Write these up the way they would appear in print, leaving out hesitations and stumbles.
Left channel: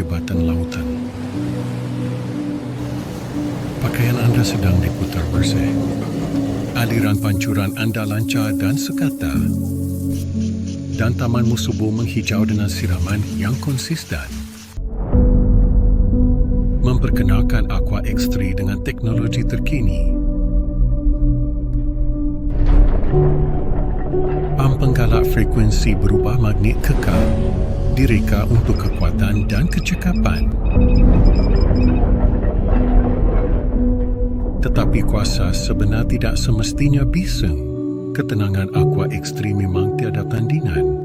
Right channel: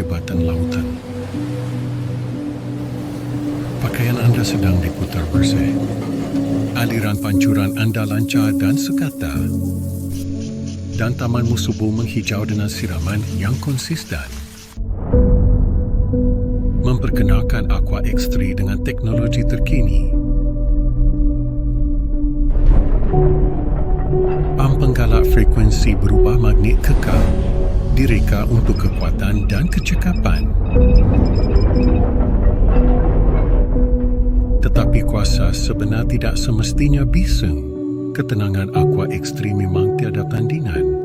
kehebatan lautan. Pakaian anda sedang diputar bersih. Aliran pancuran anda lancar dan sekata. Dan tamanmu subur menghijau dengan siraman yang konsisten. Memperkenalkan Aqua X3 dengan teknologi terkini. Pam penggalak frekuensi berubah magnet kekal direka untuk kekuatan dan kecekapan. Tetapi kuasa sebenar tidak semestinya bising. Ketenangan Aqua X3 memang tiada tandingan.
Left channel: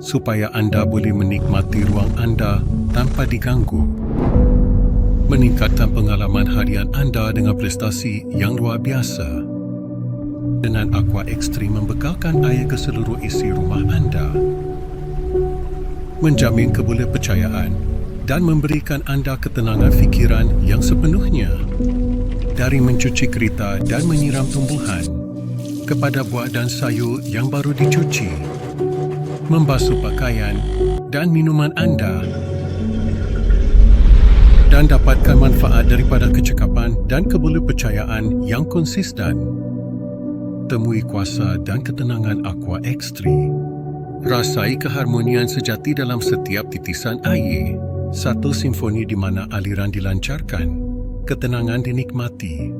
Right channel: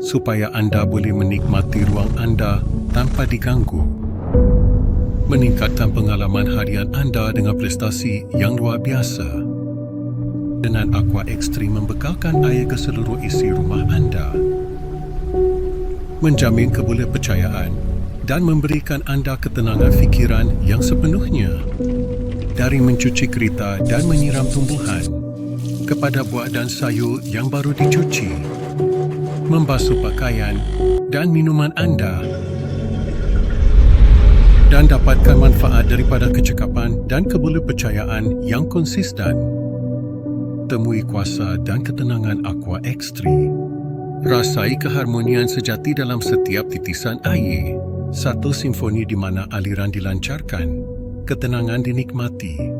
Supaya anda boleh menikmati ruang anda tanpa diganggu. Meningkatkan pengalaman harian anda dengan prestasi yang luar biasa. Dengan Aqua X3 membekalkan air ke seluruh isi rumah anda. Menjamin kebolehpercayaan dan memberikan anda ketenangan fikiran yang sepenuhnya. Dari mencuci kereta dan menyiram tumbuhan, kepada buah dan sayur yang baru dicuci, membasuh pakaian dan minuman anda, dan dapatkan manfaat daripada kecekapan dan kebolehpercayaan yang konsisten. Temui kuasa dan ketenangan Aqua X3. Rasai keharmonian sejati dalam setiap titisan air. Satu simfoni di mana aliran dilancarkan, ketenangan dinikmati.